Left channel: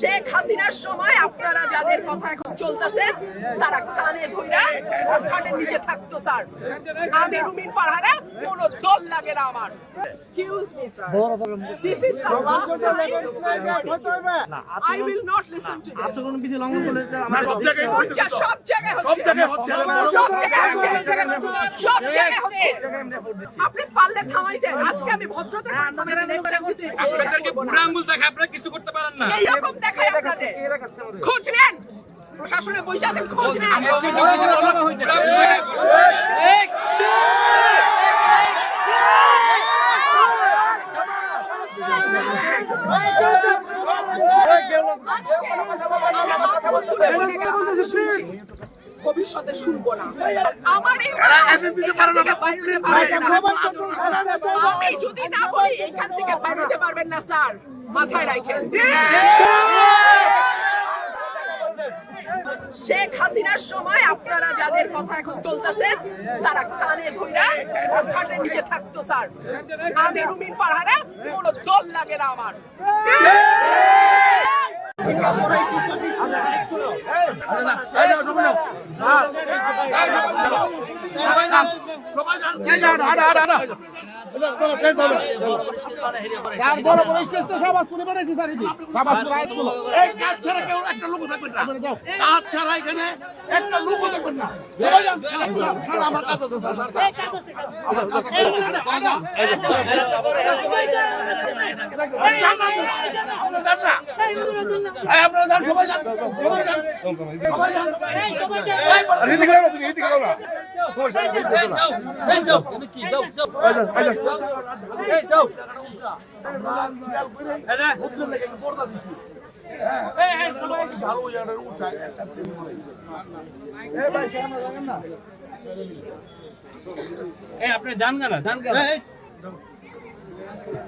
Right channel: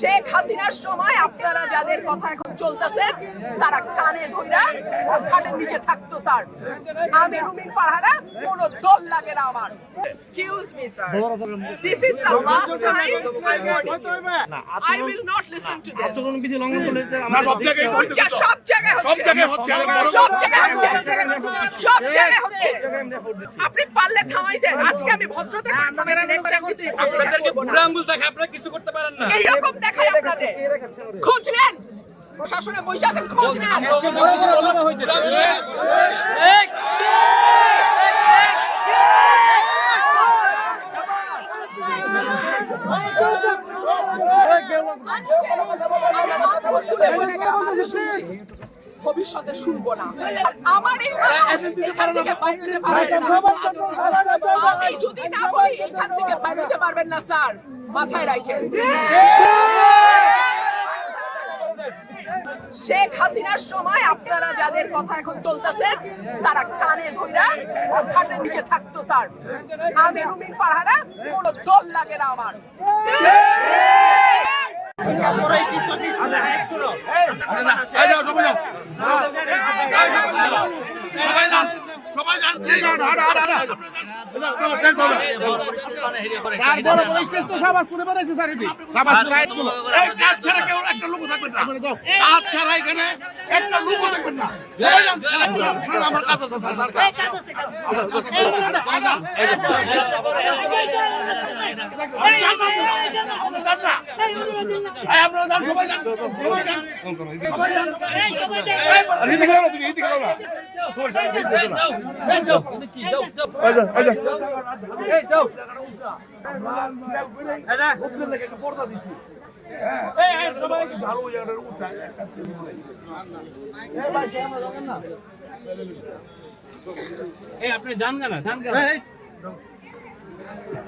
শেখ হাসিনার সময় আপনারা যাদের কথা এখন চলতেছেন তারা কানে ধইরা খাটের নিচে থাকতো স্যার। আমি রুমিন ফারহানা, কোনো দল লাগে না আমার। Excuse me, sir. This is the last time I warn you. I will not listen to this. আচরণ বিধি লঙ্ঘন করলে আমরা সব জায়গায় হচ্ছে, সব জায়গায় হচ্ছে, সব জায়গায় হচ্ছে। আপনি পারলে থামাই দেন। আজকে আমি ভদ্রতা করে থামাইছি, নেক্সট টাইম দিতে আপনাদেরকে বুড়া আঙ্গুল দেখায় আপনারা কিছু করতে পারেন না। এইরকম দেখাই আপনাদের। খোঁজ নেন, প্রশাসনে বসে আছেন, খোঁজ নেন। আমরা অভিযোগ কিছু বললাম বুড়া আঙ্গুল দেখায় এক ভবিষ্যতে শুনবো না। আমার আমি যদি না বলি এখান থেকে বাইরে পারবেন না স্যার, মাথায় রাখেন। শেখ হাসিনার সময় আপনারা যাদের কথা এখন চলতেছেন তারা কানে ধইরা খাটের নিচে থাকতো স্যার। আমি রুমিন ফারহানা, কোনো দল লাগে না আমার। আপনি জান না